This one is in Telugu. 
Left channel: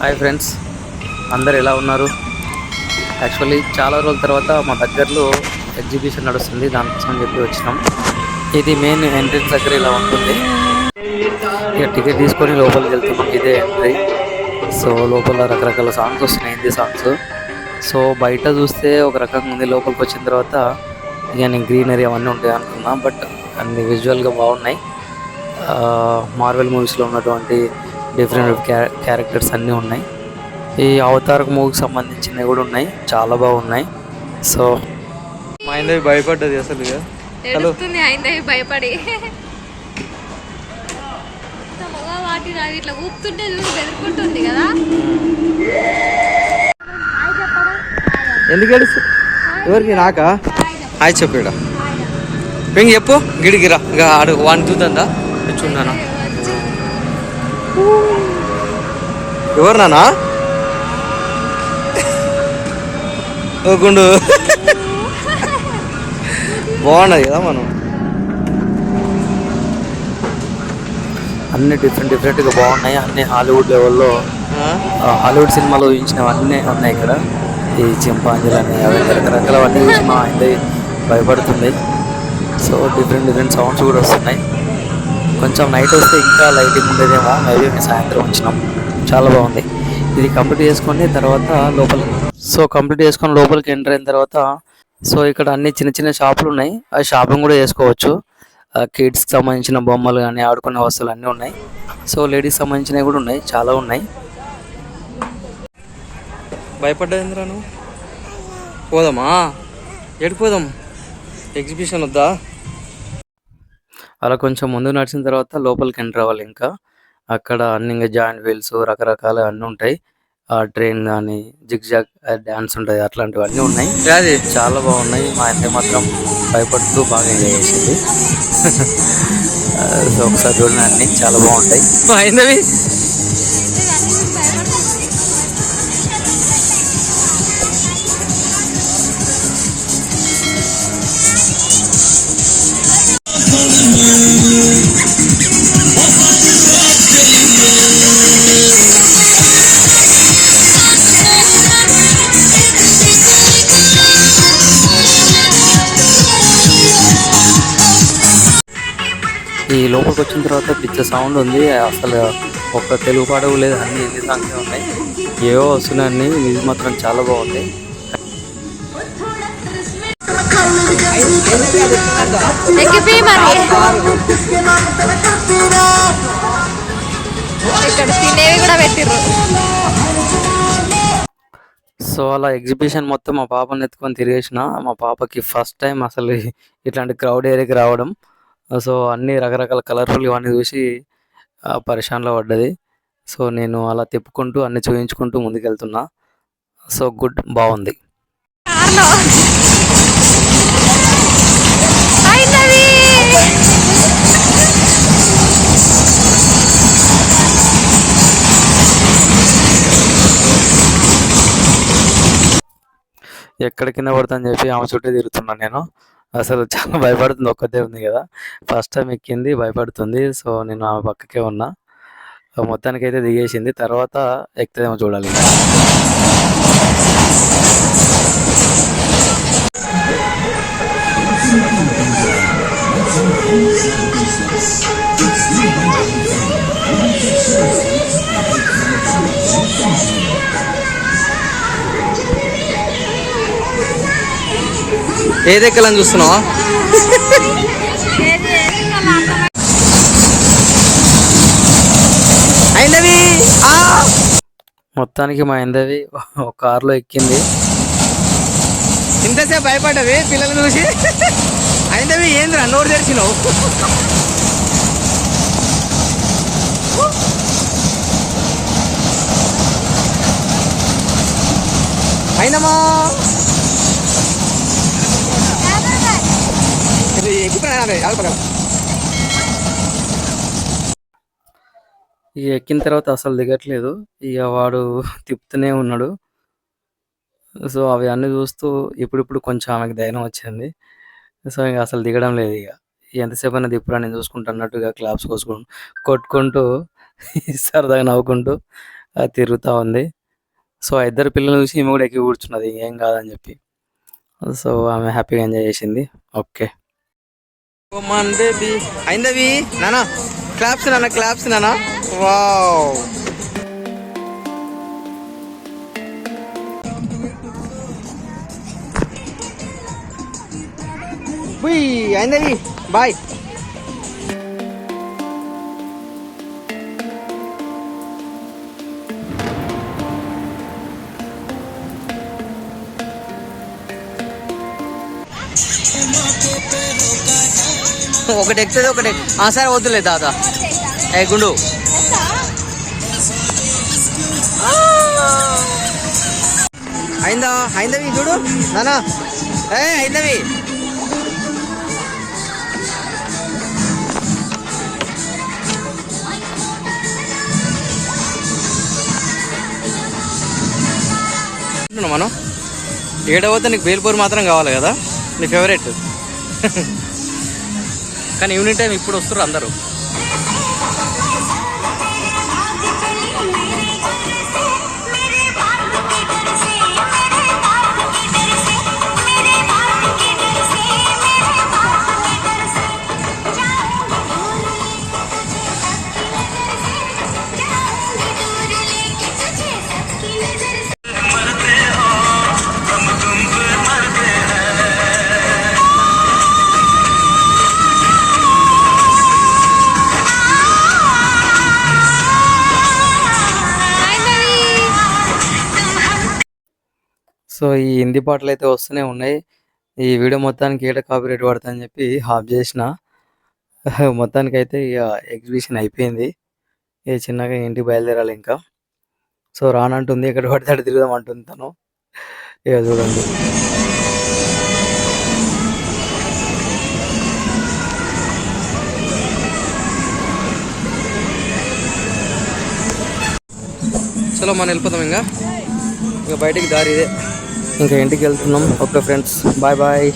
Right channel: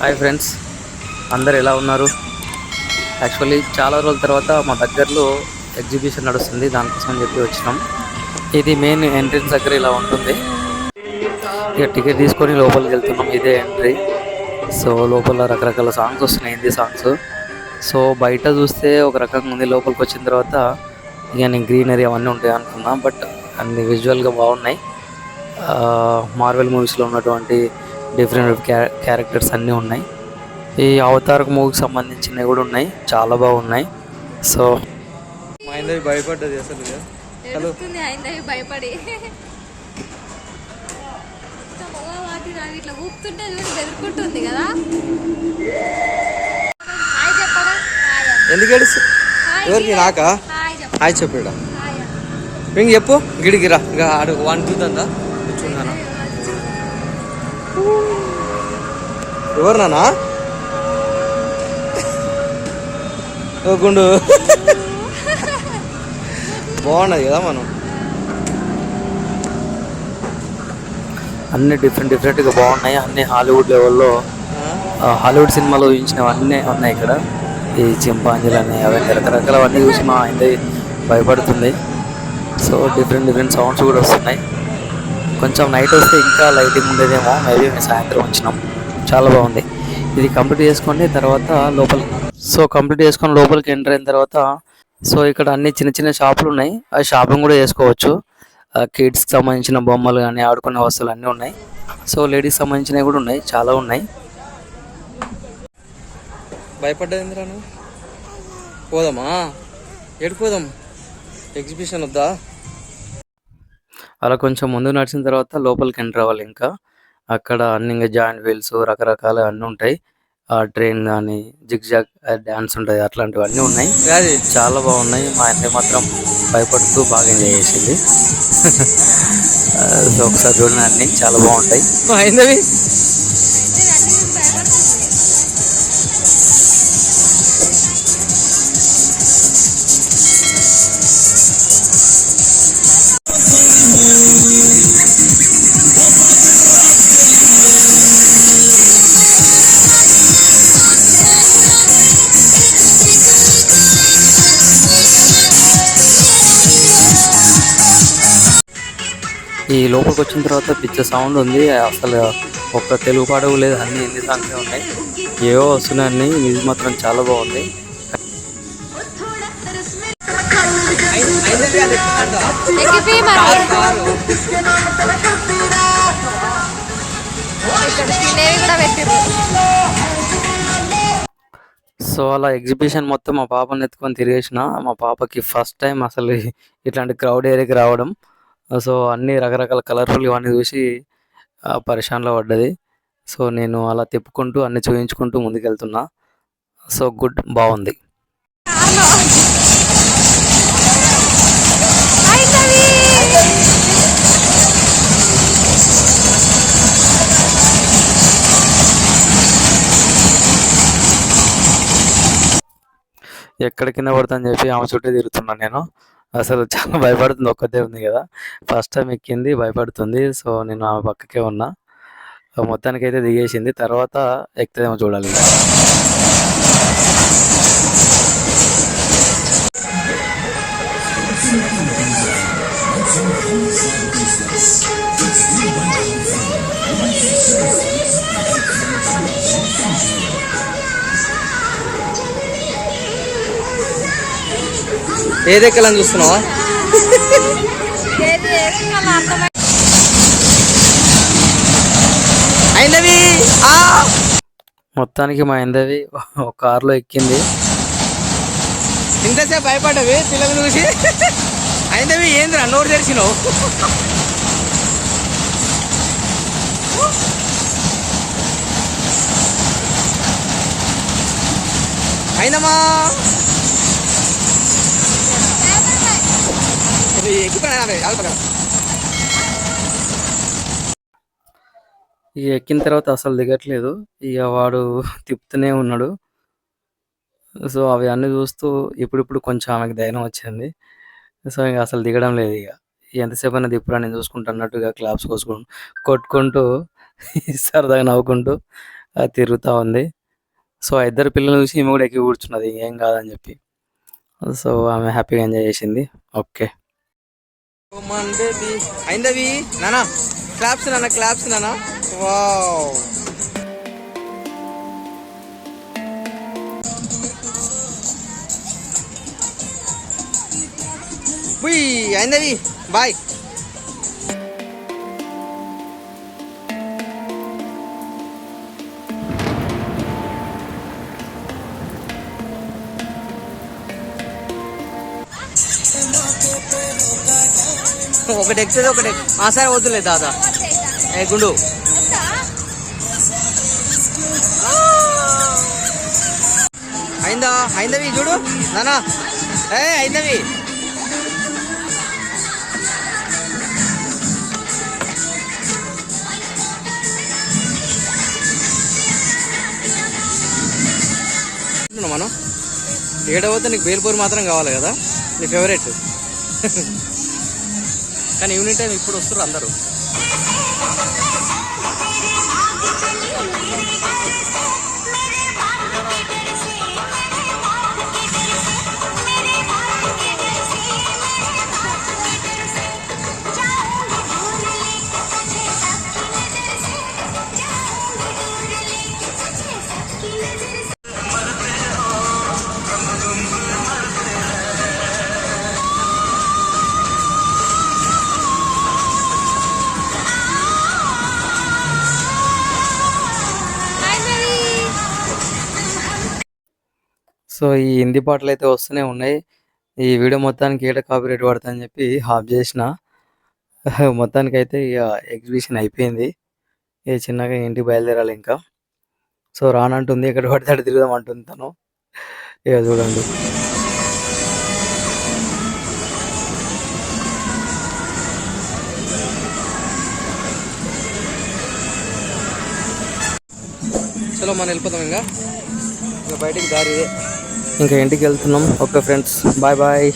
హాయ్ ఫ్రెండ్స్, అందరు ఎలా ఉన్నారు? యాక్చువల్లీ చాలా రోజుల తర్వాత మా దగ్గరలో ఎగ్జిబిషన్ నడుస్తుంది, దానికోసం అని చెప్పి వచ్చినాం. ఇది మెయిన్ ఎంట్రన్స్ దగ్గర ఇలా ఉంటుంది. ఇక టికెట్ తీసుకొని లోపలికి వెళ్తున్నాం. ఇదే ఎంట్రీ. సో లోపల రకరకాల సాంగ్స్ వస్తున్నాయి, హిందీ సాంగ్స్. సో బయట చూస్తే ఒక రకంగా ఉంది, లోపలికి వచ్చిన తర్వాత ఇక నేను గ్రీనరీ అవన్నీ ఉంటాయి అనుకున్నా. బట్ అన్ని విజువల్గా బాగున్నాయి. మార్వెల్ మూవీస్లో ఉన్నటువంటి డిఫరెంట్ క్యారెక్టర్స్ అన్నీ ఉన్నాయి. ఈ అవతార్ మూవీకి సంబంధించినవి కూడా ఉన్నాయి, చాలా బాగున్నాయి. సో మా ఇందవి భయపడ్డది అసలు. భయపడి ఇట్లా ఊపుతుంటే బెదురుకుంటుంది కదా. ఎందుకు ఏడుస్తు? ఎవరికి? నాకా? హాయ్ చెప్పాడా? ఇంక చెప్పు. గిడిగిరా ఇంకా ఆడు వాడిని చూద్దా చూడానా? ఎవరు నానా? ఓకుండు బాగున్నది కదా. మనం అన్ని డిఫరెంట్గా బాగున్నాయి. అన్ని హాలీవుడ్ లెవెల్లో, హాలీవుడ్ సినిమాలో చూపించినవన్నీ ఉన్నాయి ఇక్కడ. ఈ చింపాంజీలు అని అవన్నీ రకరకాలవన్నీ చూసి మా అయింది భయపడుతుంది. సో డిఫరెంట్ సౌండ్స్ కూడా వస్తున్నాయి. కొంచెం నైట్ వస్తే ఇంకా లైటింగ్ ఉండేదేమో. మేబీ మేము సాయంత్రం వచ్చినాం. చాలా బాగుంది. ఇది కంప్లీట్ చేసుకొని తర్వాత కంప్లీట్ చేసుకొని లోపలికి ఎంటర్ అయిన తర్వాత ఇక్కడ అన్ని చిన్న చిన్న షాపులు ఉన్నాయి. ఆ షాపింగ్ కూడా చేసుకోవచ్చు. కిడ్స్కి సంబంధించిన బొమ్మలు కానీ ఆడుకునే వస్తువులు అన్నీ ఉన్నాయి. సో లేడీస్ సంబంధించినవి కూడా ఉన్నాయి, చాలా ఉన్నాయి. భయపడ్డది ఎందురా నువ్వు? పోదామా? పోదాం? ఎగ్జిబిషన్ వద్దా? అలా కొంచెం ముందు నడిచిన తర్వాత లోపలికి ఎంటర్ అవ్వాలి. ఇంకా అక్కడ అన్ని ఇంకా జాయింట్ వీల్స్ రకరకాల అన్నీ ఉంటాయి. ట్రైన్ కానీ జిగ్-జాగ్ డ్యాన్స్ ఉంటుంది, అట్లాంటివన్నీ ఉన్నాయి. అది చాలా బాగున్నాయి. మా ఇంటి మాత్రం భయపడుతూ బాగా ఎంజాయ్ చేసింది. సో ఒకసారి చూడండి, అన్ని చాలా బాగుంటాయి. అయిందవి ఈ లోపలికి వచ్చిన తర్వాత పిచ్చ సౌండ్ ఉంది. అసలు ఒక్క తెలుగు పాట లేదు, అన్ని హిందీ సాంగ్సే ఉన్నాయి. ఏవో వస్తున్నాయి. ఇది మాత్రం చాలా బాగుంది. సో అలా ఎగ్జిబిషన్ మొత్తం మా పాపని ఎత్తుకొని తిరిగేసిన. మా పాపకి ఫస్ట్ టైం అసలు ఇట్లాంటి క్రౌడ్ ఏరియాకి రావడం. సో అన్ని రకరకాల కలర్ఫుల్ ఇవన్నీ చూసి పరిశాన్లో పడ్డది. సో నేను అలా తిప్పుకుంటూ అన్ని చూపించుకుంటూ ముందుకెళ్తున్నా. సో గుడ్, బాగుంది. ఎక్కడ కింద పడతాను చెప్పి ఆమె చుట్టూ తిరుగుతున్నాను నేను. అసలు చాలా భయపడుతుంది, ఒక్కతే ఉంది కదా. ఫస్ట్ టైం ఎక్కింది, భయపడుతుంది. సో నేను ఆమె పక్కకే ఉన్నా. మొత్తానికి అయితే దిగేసింది. తర్వాత ఎక్కుతుందేమో చూడాలి. ఏదెక్కాలని చూస్తున్నావా? అయిందవి మొత్తానికి మా అయిందవి ఒక కారులో ఎక్కింది. ఇంతసేపు భయపడ్డవి పిల్లలు చూసి. అయిందవి ఏంద్రా నోరు తెరిచినావు? అయినమా ఇక ఎక్కిన తర్వాత అసలు దిగట్లేదు. ఇక వాడు తిప్పుతూనే ఉన్నాడు. సో అవి అన్నీ చూస్తూ ఇప్పుడిప్పుడు కొంచెం ఆమెకు ధైర్యం వచ్చింది. సో ఇక అసలు దిగడం లేదు. ఇక ఎంతసేపు అయినా తిప్పురా నేను చూసుకుంటా అన్నట్టుగా క్లాప్స్ కొట్టుకుంటూ సరదాగా నవ్వుకుంటూ అది తిరుగుతూ ఉంది. సో ఆ ఇద్దరు పిల్లలు చూసి ఈమె కూడా ఎక్కి కూర్చున్నది ఏం కాదని చెప్పి. సో ఆమె హ్యాపీగా ఎంజాయ్ చేసింది. ఓకే బేబీ అయిందవి నానా క్లాప్స్ నానా వావ్. అయిందవి బాయ్. ఒకటి ఎక్కుతుంది ఒకటి సరే వద్దులే దాదా. ఏ గుండు అయిందవి చూడు నానా. అయిందవి మనం ఏడవద్ద నీకు బేల్పూర్ మాత్రం కావాలి కదా నీ ఫేవరెట్. కానీ ఈవినింగ్ టైం ఇప్పుడు వస్తారు అందరూ. సో ఈ హిందీ పాటలు అయితే వస్తూనే ఉన్నాయి. ఈ వీడియో మొత్తానికి ఏడ కాపీరైట్ పడతాయని చెప్పి ఆఫ్ చేసిన. మొత్తానికైతే ఇక ఎగ్జిబిషన్ అయిపోయింది. ఇక చిన్నగా ఇంటికి బయలుదేరాలి ఇంకా. సో రానంటుంది, ఎక్కడ పడితే అక్కడ తిరుగుదాం అంటుంది తను. ఇక చూడండి. అసలు మనం వెళ్ళిపోతాం ఇంకా బయటికి దారి ఇదే. ఇంకా ఇంటికి వెళ్తున్నాం. Okay friends, bye bye.